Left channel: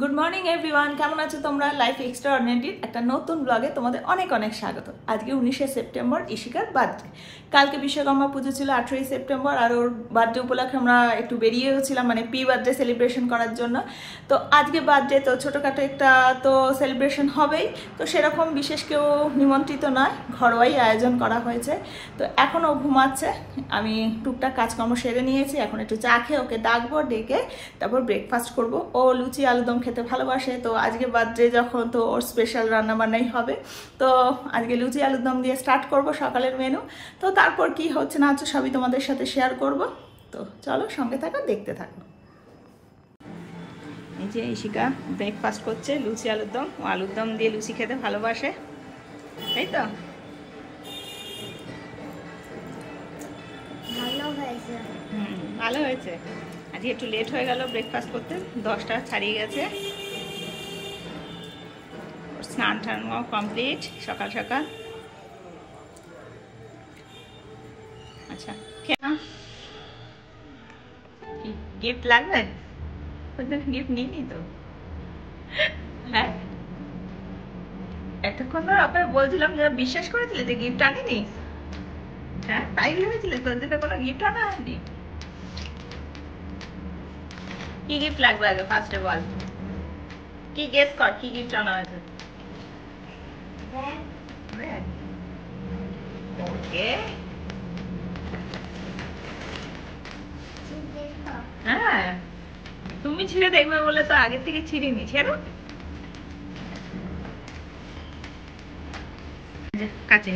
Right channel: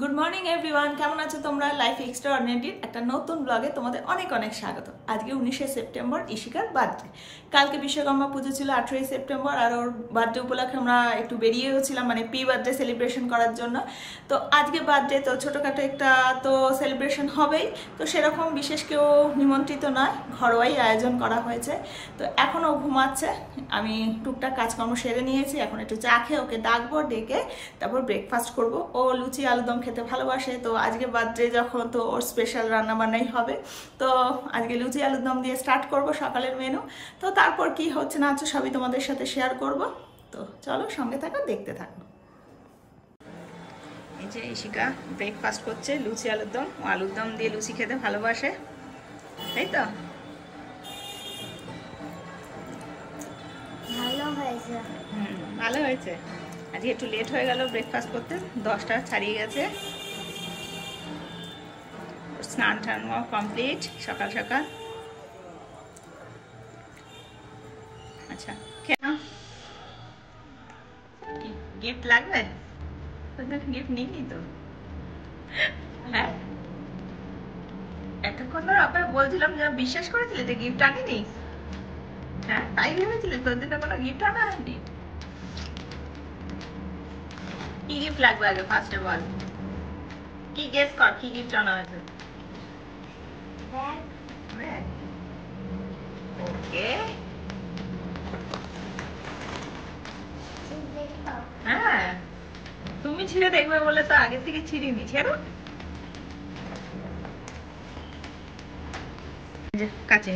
Good morning everyone, কেমন আছো তোমরা? লাইফ এক্সট্রাঅর্ডিনারির একটা নতুন ব্লগে তোমাদের অনেক অনেক স্বাগত। আজকে 19শে সেপ্টেম্বর, ইশিকার বার্থডে। কালকে বিশ্বকর্মা পুজো ছিল 18ই সেপ্টেম্বর, আর ওর বার্থডে উপলক্ষে আমরা একটু বেরিয়েও ছিলাম, মানে প্রি বার্থডে সেলিব্রেশন করার জন্য। তো আজকে বার্থডে, তো ছোটোখাটো একটা তো সেলিব্রেশন হবেই। তো সেরকম বিশেষ কেউ নিমন্ত্রিত নয়, ঘরোয়াই আয়োজন করা হয়েছে। তো এখনও ঘুমাচ্ছে, আমি টুকটাক কাজকর্ম সেরে নিয়েছি। এখন একটু চা খেয়ে ওকে ডাকবো, ডেকে তারপর ব্রেকফাস্ট করব। ও লুচি আলুদম খেতে ভালোবাসে, তো আজকে বার্থডে যখন, তো ওর স্পেশাল রান্নাবান্নাই হবে। তো আজকে লুচি আলুদম দিয়ে স্টার্ট করব সকালের মেনু। তো তারপর কি হচ্ছে না হচ্ছে সবই তোমাদের সাথে শেয়ার করব। তো চলো সঙ্গে থাকো, দেখতে থাকো। এই যে ইশিকা ব্রেকফাস্ট করছে, লুচি আলুদম। ও আলুদম দিয়ে লুচি খেতে ভালোবাসে, তাই তো? ভালো হয়েছে। ভালো হয়েছে। আজকে একটু লেট হয়ে গেল ব্রেকফাস্ট করতে, 10টা ছাড়িয়ে গেছে। স্নান টান কমপ্লিট সকাল সকাল। আচ্ছা, গিফট লাগবে? গিফট নিইনি তো। হ্যাঁ, এতক্ষণ ধর আপনার বলছিলাম যে বিশ্বাস করেছিলে যে গিফট আনিনি। হ্যাঁ, তাই ভেবেছিলে তোর জন্য কোনো গিফট আনা হয়নি? কি গিফট লাগবে আগে ফার্স্টে বল। কি গেস কর, কি গিফট আনা হয়েছে? ওকে, হ্যাঁ তুমি ছিঁড়ে দেখবে বলে তো আগে থেকে ছিঁড়িনি। ছেড়ো, কাছে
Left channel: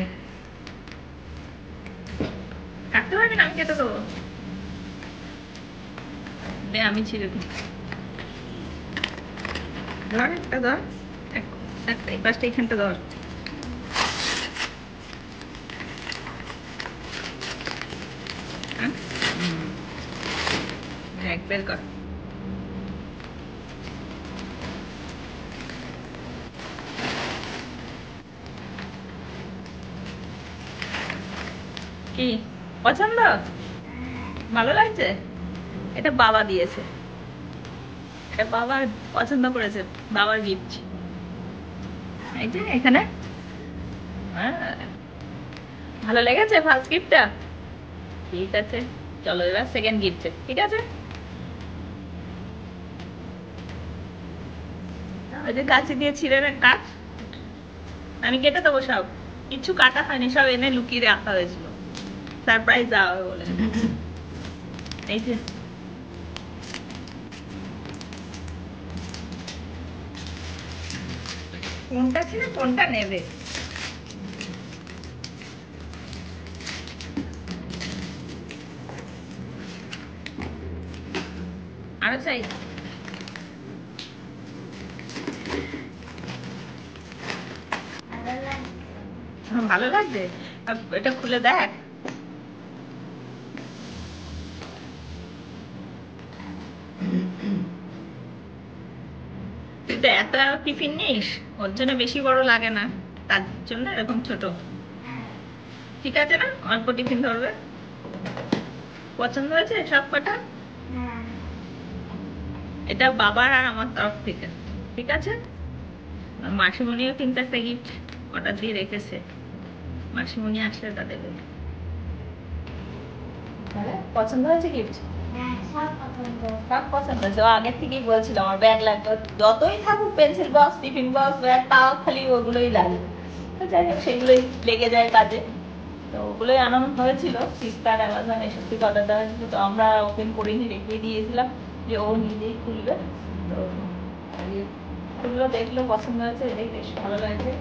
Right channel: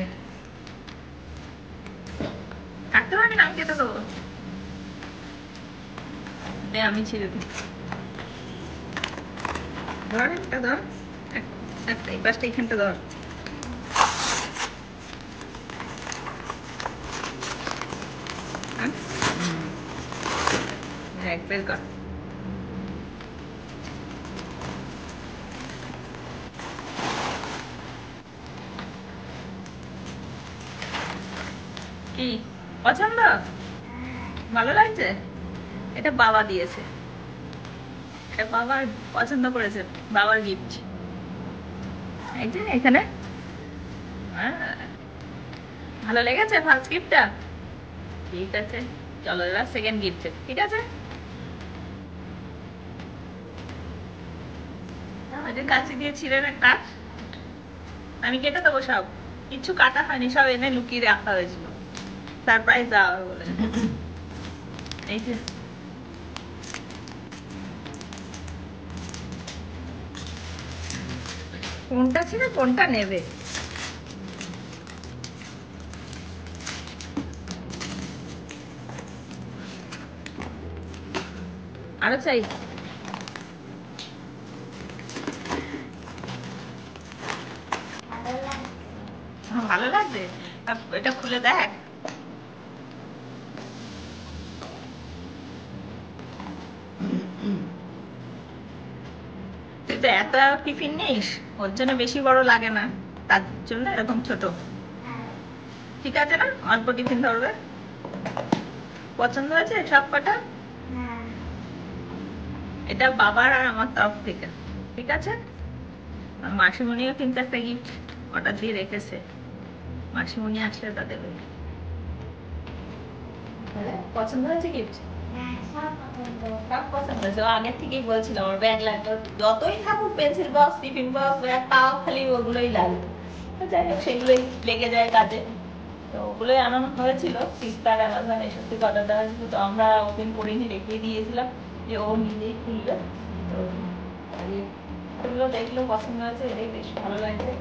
থাকতে পারবে না, আমি কেটে দেবো। দে, আমি ছিঁড়ে দিই। ধর একটা, ধর একটা, এই পাশটা এখানটা ধর। দেখ, বের কর। কি পছন্দ? ভালো লাগছে? এটা বাবা দিয়েছে, এটা বাবার পছন্দ করেছে, বাবার গিফট। এই যে এখানে। ভালো লেগেছে ফার্স্ট গিফটটা? ঠিক আছে, চলো এবার সেকেন্ড গিফট। ঠিক আছে, ওই যে কাছে দিয়ে ছিঁড়ে কাট, আমি কেটে দেবো সব। কিছু কাটা হয়নি, সব এনে লুকিয়ে রাখা হয়েছিল, সারপ্রাইজ দেওয়া হবে বলে। এই যে কোনটা ছিঁড়ে কোনটা নেবে? আরো চাই? ভালো লাগছে? এটা খুলে দেখ। তুই তো এত টিফিন নিস, ওর জন্য বেশি বড় লাগে না, তার জন্য এরকম ছোট। ঠিক আছে না, অল্প টিফিন ধরবে। পছন্দ হয়েছে সব কটা? এটা বাবার আর আমার তরফ থেকে। ঠিক আছে, মাসিমণিও কিন্তু একটা গিফট অর্ডার দিয়ে রেখেছে, মাসিমণি আসলে তাদের পছন্দ হয়েছে গিফট। সব পছন্দ হয়েছে, আগের থেকেই বলছিল আমার ব্যাগ লাগবে, যতই থাকুক pencil box, tiffin box, bag, তাও খালি ওগুলোই লাগবে। তো যাই হোক, সেগুলোই লেগে যায় কাজে। তো ওগুলোই আনানো হয়েছিল, ফ্লিপকার্ট, অ্যামাজন এসব থেকে অর্ডার দেওয়া হয়েছিল। তো আমরা ওপেন করিনি, রেখে দিয়েছিলাম যে ও নিজেই খুলবে। তো ওগুলো দেখলো, পছন্দ হয়েছে, এটাই বেশ ভালো লাগছে।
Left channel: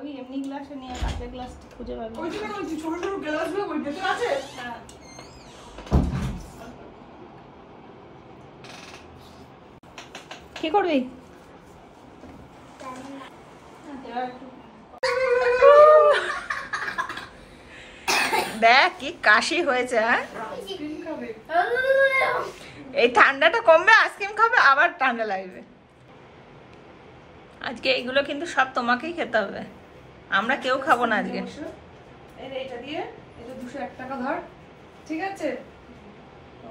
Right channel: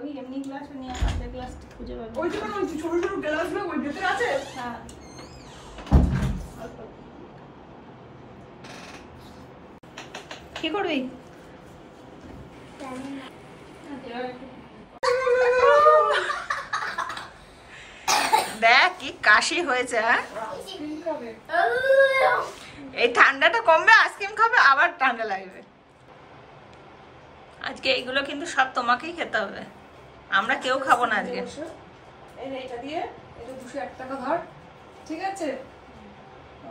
ওই এমনি গ্লাসে নিয়ে কাঁচের গ্লাস খুঁজে পাবে। ওই জন্য বলছি ছোট ছোট গ্লাস ওই ভেতরে আছে। হ্যাঁ, কি করবি? দেখ কি কাশি হয়েছে। হ্যাঁ, এই ঠান্ডাটা কমবে, আইসক্রিম খাবে, আবার ঠান্ডা লাগবে। আজকে এইগুলো কিন্তু সব তোমাকেই খেতে হবে, আমরা কেউ খাবো না আজকে। এটা দিয়ে এটা 201 টাকা ধর, ঠিক আছে?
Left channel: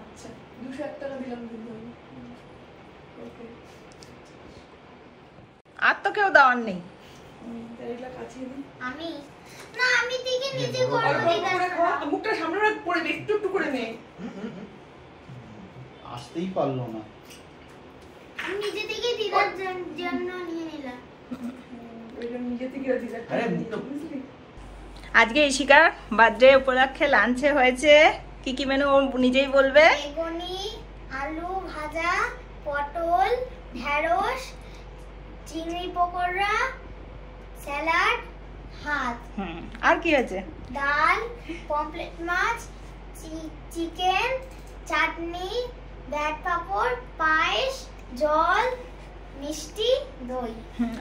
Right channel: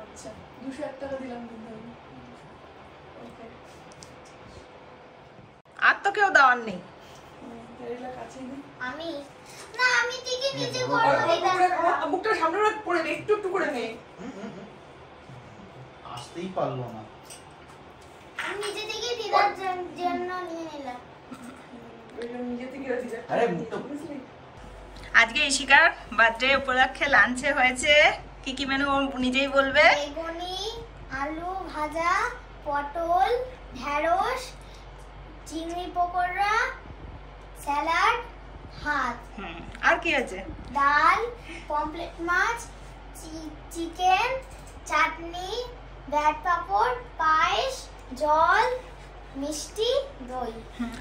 আচ্ছা 201 টাকা দিলাম কিন্তু আর তো কেউ দেওয়ার নেই। আমি না, আমি থেকে নিজে করে দিই। মুখটা সামনে করে নে, একটু একটু করে নে। আসতেই পারলো না, আমি নিজে থেকে দিদার জন্য নিয়ে নিলাম। আরে মুখটা আজকে ইশিকার বার্থডে উপলক্ষে লাঞ্চে হয়েছে কি কি মেনু নিজেই বলবে। বেগুনি, আলু ভাজা, পটল, ঢেঁড়স, চিংড়ি পকোড়া, স্যালাড, ভাত। আর কি আছে? ডাল, পমফ্রেট মাছ, চিকেন, চাটনি, ব্যাট পাপড়, পায়েস, জল, মিষ্টি, দই।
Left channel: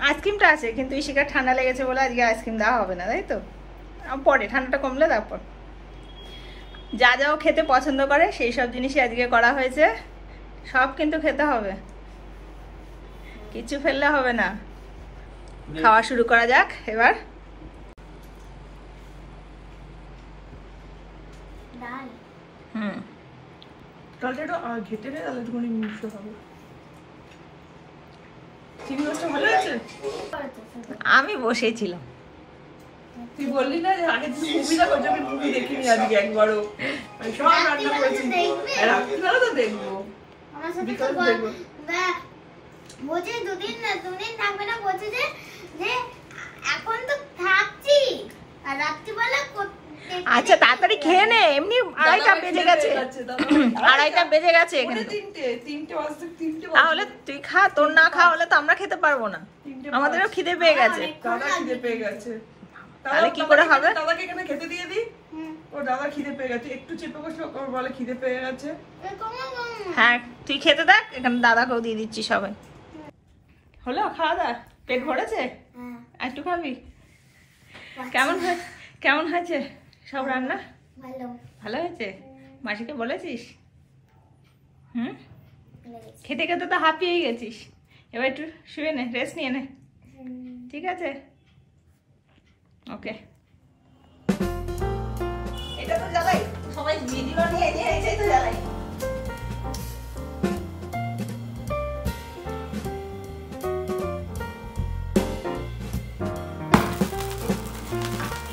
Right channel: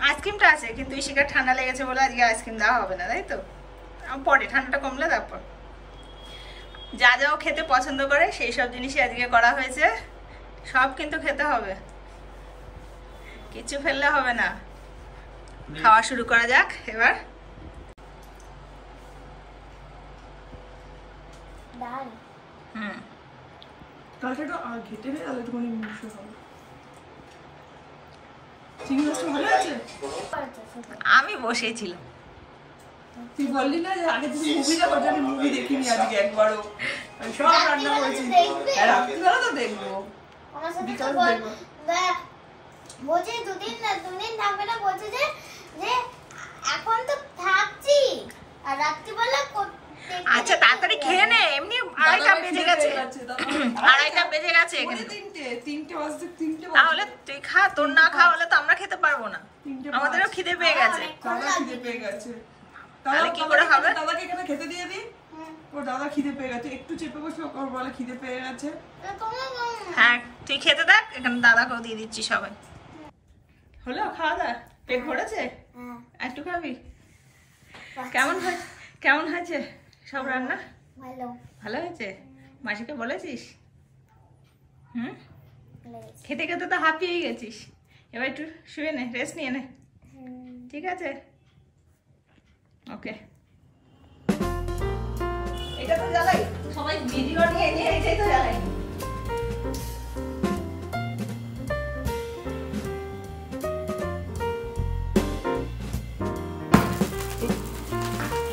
আইসক্রিমটা আছে, কিন্তু ইশিকার ঠান্ডা লেগেছে বলে আজকে আইসক্রিম দেওয়া হবে না, তাই তো? পরে ঠান্ডাটা কমলে তারপর যা যাও খেতে পছন্দ করে সেই সব জিনিসই আজকে করা হয়েছে। সব কিন্তু খেতে হবে, কিছু ফেললে হবে না। খাওয়া শুরু করা যাক এবার। ডাল। ডালটা ঘেটে নে, তাহলে একটুখানি মিশে হবে। চিংড়ি মাছটা ভালো আছে? আমি বসেই ছিলাম। তুই বললি না যে আগে তুই মুভি দেখো, আমি মুভি দেখিনি আজকে একবারও। আমি সব রান্না করেছি, রাত্রিবেলা তো দেখবো, আমার সাথে তো বিকালে দেখবো। বলছে দুদিন থাকবে না, বলছে যে এখন তো থাকছি আর রাত্রিবেলা। আচ্ছা তাড়াতাড়ি খেয়ে নে, এমনি 2:30 বেজে গেছে। 2:30 বেজে গেছে এখানে। তাহলে তুই খা, তোর না খাওয়া হলে তো আমরা খেতে পারবো না, আমাদেরও খিদে পেয়ে গেছে। দাদা খিদে পেয়ে গেছে, তাহলে কি করে হবে? দাদাকে এখানে খেতে দিয়ে দি। ও দাদা খিদে পেয়ে গেছে, একটু চেপে বসে ওকে বলে খিদে পেয়ে গেছে। হ্যাঁ তুই খেতে দেখ, এখানে দাদাকেও দিয়ে দিচ্ছি সবাই। হলো খাওয়া দাওয়া? পেট ভরেছে? একটু খাবি? কেমন হয়েছে সব রান্না? ভালো। ভালো হয়েছে? মাসিকে বলেছিস? খেতে খেতে তো হাঁপিয়েই গেছিস, এবার একটু শুয়ে নে, রেস্ট নিয়ে নে, ঠিক আছে? ওকে, এটা তো জ্বালাই, সবাই ভিডিও নিয়ে এটাই তো জ্বালাই।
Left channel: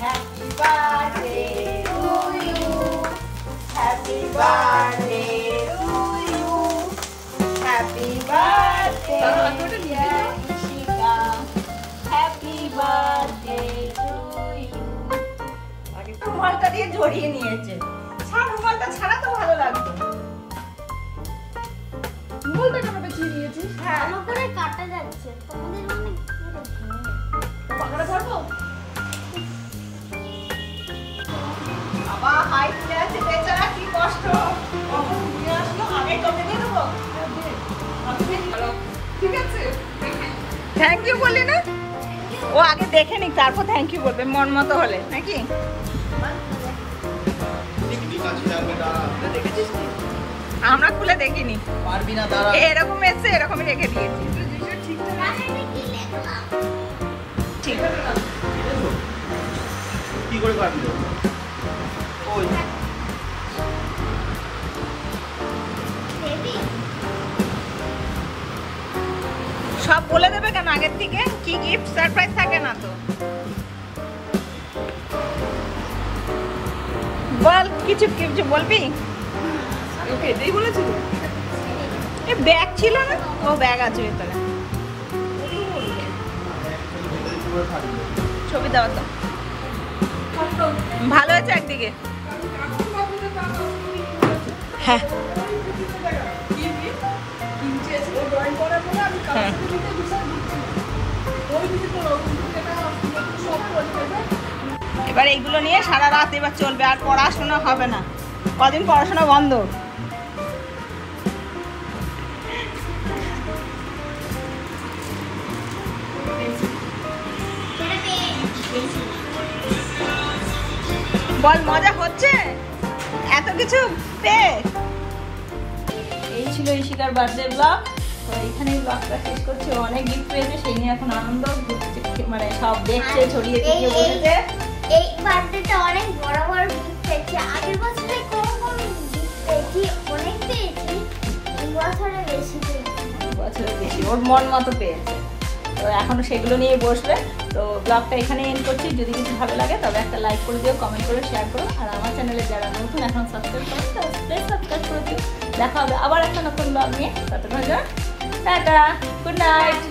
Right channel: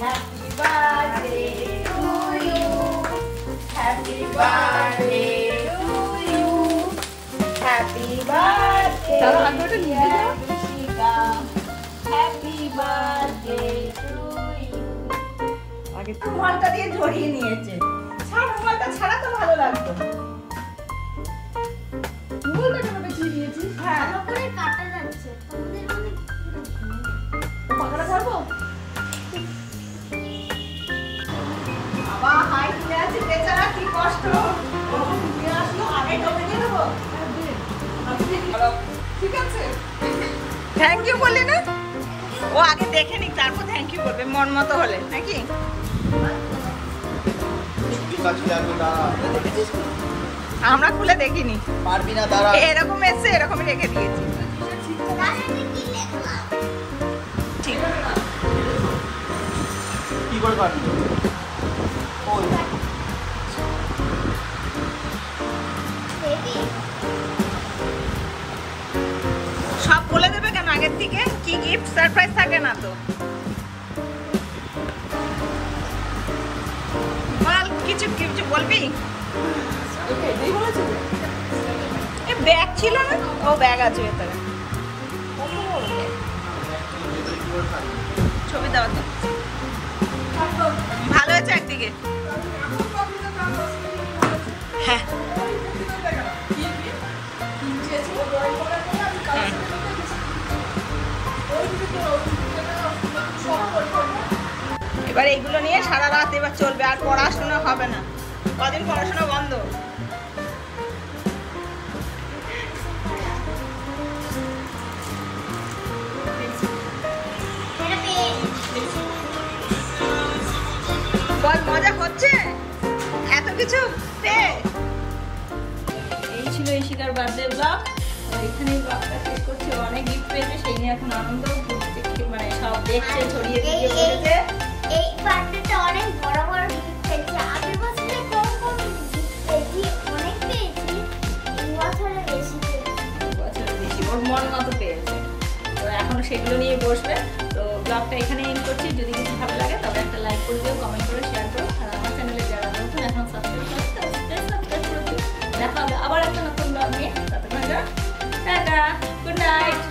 Happy birthday to you, happy birthday to you, happy birthday dear Ishika, happy birthday to you। রুমালটা দিয়ে জড়িয়ে নিয়েছে, ছাড় রুমালটা ছাড়া তো ভালো লাগতো। রুমালটা কেন বেঁচে নিয়েছিস? হ্যাঁ আমার করে কাটা যাচ্ছে, তোমাদের মানে পাখাটা ধরবো? বাবা হাই কিনে আছে বেচারা, কি কষ্ট। কখন নিয়ে আসলো, আগে তোকে দিয়ে দেবো। ঠিক আছে, থ্যাংক ইউ বললি না? ও আগে দেখে নি তারপর থ্যাংক ইউ বলবে, মন মতো হলে নাকি? আমরা খুলে দেখিনি, এরকম এসছে এরকমই রেখে দিয়েছি। ঠিক আছে, কি করে পারবি? সব বলে দেবে কেন আগের থেকে? কি গিফট সারপ্রাইজ থাকে না তো? বল, কিছু কিছু বলবি? ওকে এটাই বলেছিল। এ ব্যাগ ছিল না? ও ব্যাগ আছে ভেতরে, ছবি দেওয়া তো ভালো হয়েছে একদিকে। হ্যাঁ হ্যাঁ, এবার এইগুলো নিয়ে সারা রাত এবার চলবে, আর পড়াশোনা হবে না, কদিন পড়াশোনা বন্ধ। বল মজা হচ্ছে এত কিছু পেয়ে। এই ছিল ইশিকার বার্থডে ব্লগ। তো এখানেই ব্লগটা শেষ করছি। অনেক গিফট পেয়েছে, সেই নিয়ে এখন আনন্দ, মানে সব দেখছে, ছড়িয়ে ছিটিয়ে বসেছে। এই বার্থডেটা অনেক বড় বড় গিফট পেয়েছি। আগের বছরে কম কম গিফট পেয়েছি, অনেক পেয়েছি। এই বছরে বেশি পেয়েছি। বছর বেশি ওর মন মতো পেয়েছে। তো এখনো সেগুলো নিয়ে বসবে। তো ব্লগটা এখানে এন্ড করছি। যদি কিছু ভালো লাগে তবে একটা লাইক করে দিও, কমেন্ট করে শেয়ার করো। আর আমার চ্যানেলে যারা নতুন এখন সাবস্ক্রাইব করো, তো প্লিজ সাবস্ক্রাইব করে দিও। দেখা হবে আবার একটা নতুন ব্লগ নিয়ে। ততক্ষণ টাটা, গুড নাইট।